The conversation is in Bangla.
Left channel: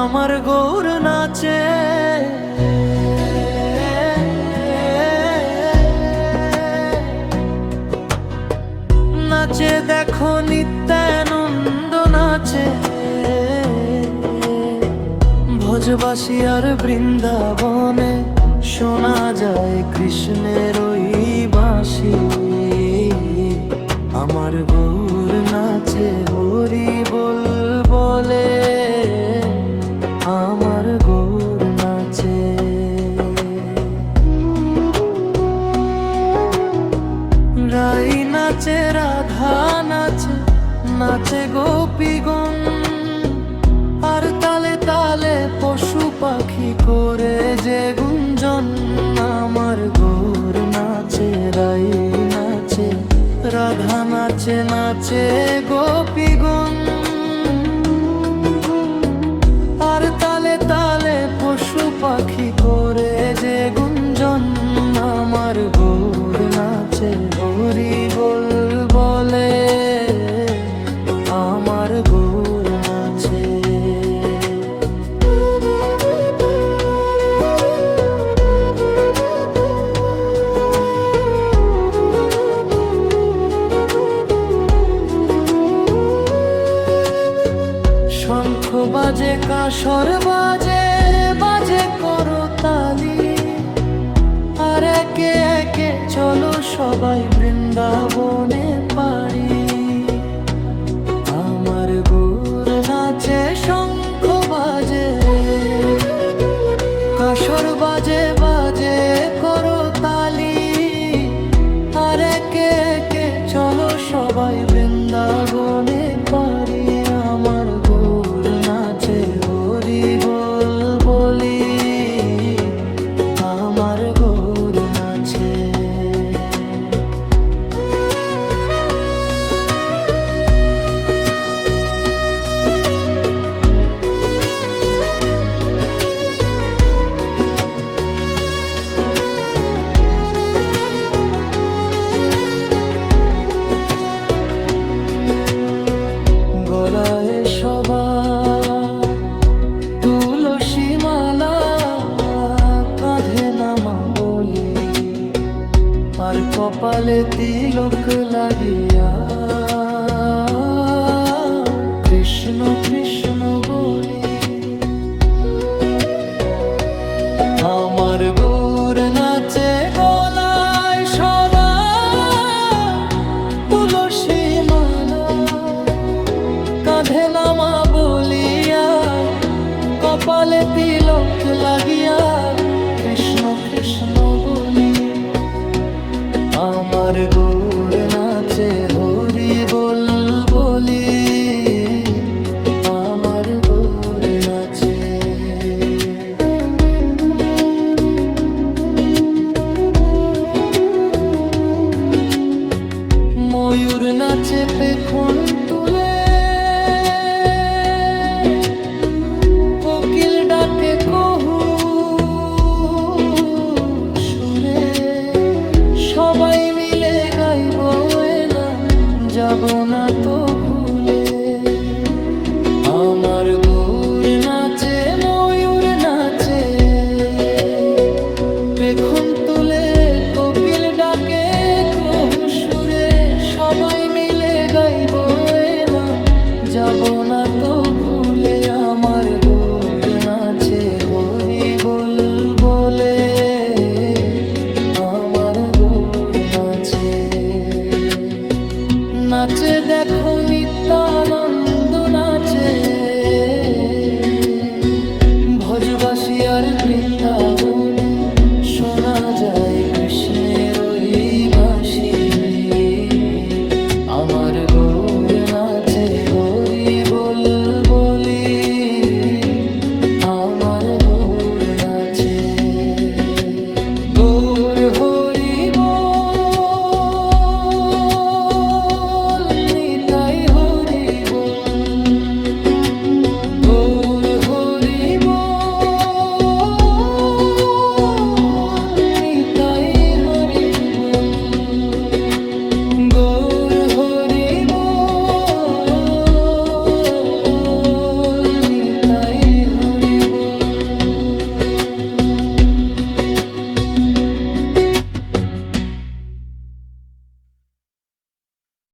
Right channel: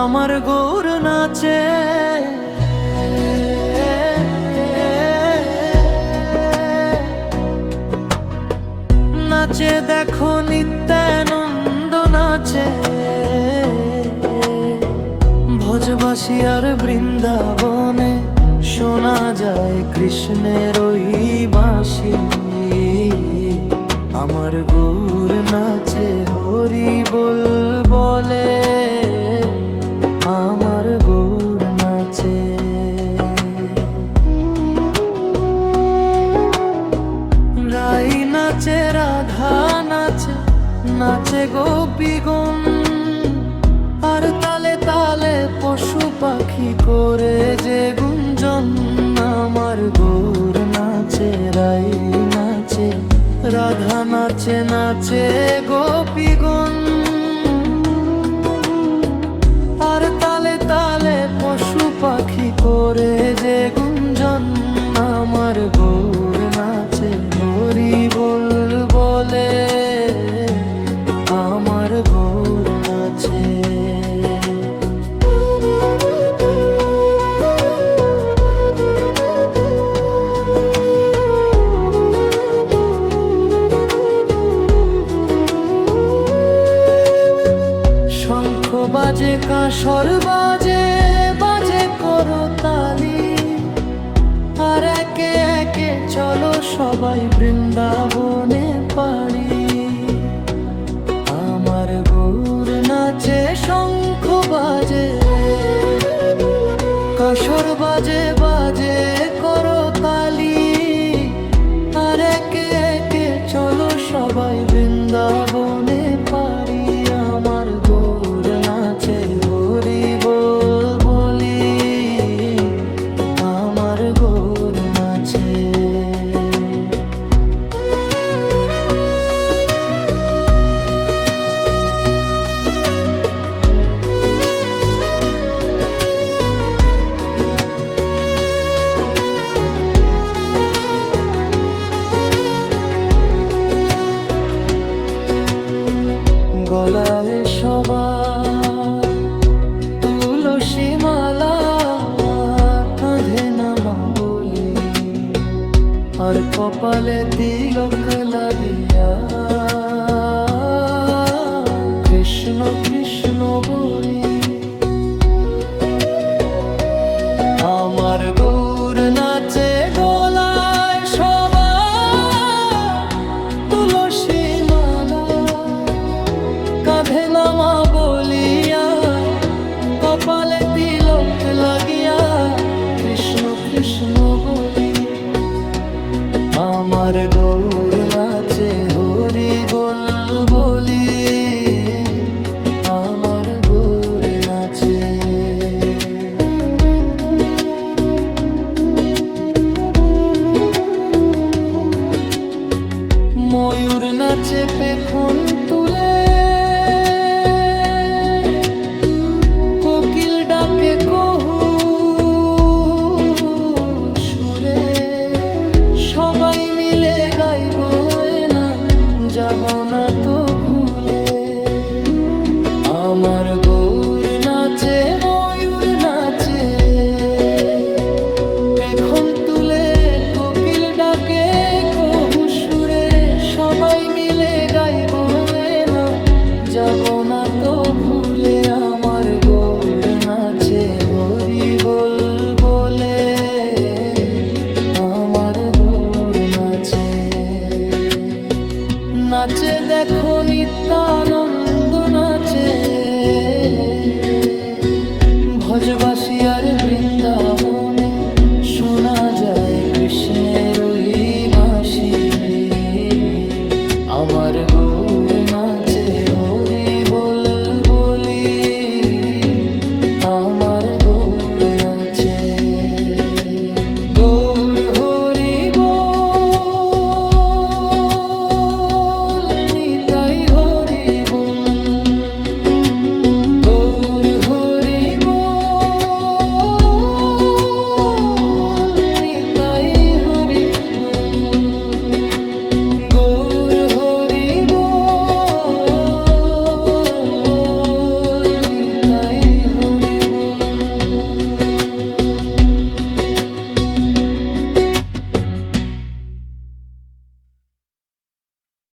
আমার গৌর নাচে, নাচে দেখো নিত্যানন্দ নাচে। ভজবাসী আর বৃন্দাবনে শোনা যায় কৃষ্ণের ওই বাঁশি। আমার গৌর নাচে হরি বল বলে, আমার গৌর নাচে। রাই নাচে, রাধা নাচে, নাচে গোপীগণ। আর তালে তালে পশু পাখি করে যে গুঞ্জন। আমার গৌর নাচে, রাই নাচে, রাধা নাচে, নাচে গোপীগণ। আর তালে তালে পশু পাখি করে যে গুঞ্জন। আমার গৌর নাচে হরি বল বলে, আমার গৌর নাচে। শঙ্খ বাজে, কাঁসর বাজে, বাজে করতালি। আর একে একে চলো সবাই বৃন্দাবনে পারি। আমার গৌর নাচে, শঙ্খ বাজে, কাঁসর বাজে, বাজে করতালি। আর একে একে চলো সবাই বৃন্দাবনে পারি। আমার গৌর নাচে হরি বল বলি, আমার গৌর নাচে। গলায় সবার তুলসী মালা, কাঁধে নামা বলি। আর কপালে তিলক লাগিয়া কৃষ্ণ কৃষ্ণ বলি। আমার গৌর নাচে, গলায় সবার তুলসী মালা, কাঁধে নামা বলিয়া কপালে তিলক লাগিয়া কৃষ্ণ কৃষ্ণ বলি। আমার গৌর নাচে হরি বল বলি, আমার গৌর নাচে। ময়ূর নাচে পেখম তুলে, কোকিল ডাকে কহু সুরে। সবাই মিলে গাইব এ নাম, যাব না তো ভুলে। আমার গৌর নাচে, ময়ূর নাচে, পেখম তুলে, কোকিল ডাকে কহু সুরে। সবাই মিলে গাইব এ নাম, যাব না তো ভুলে। আমার গৌর নাচে হরি বল বলে, আমার গৌর নাচে। নাচে দেখো নিত্যানন্দ নাচে। ভজবাসী আর বৃন্দাবনে শোনা যায় কৃষ্ণের ওই বাঁশি। আমার গৌর নাচে হরি বল বলি,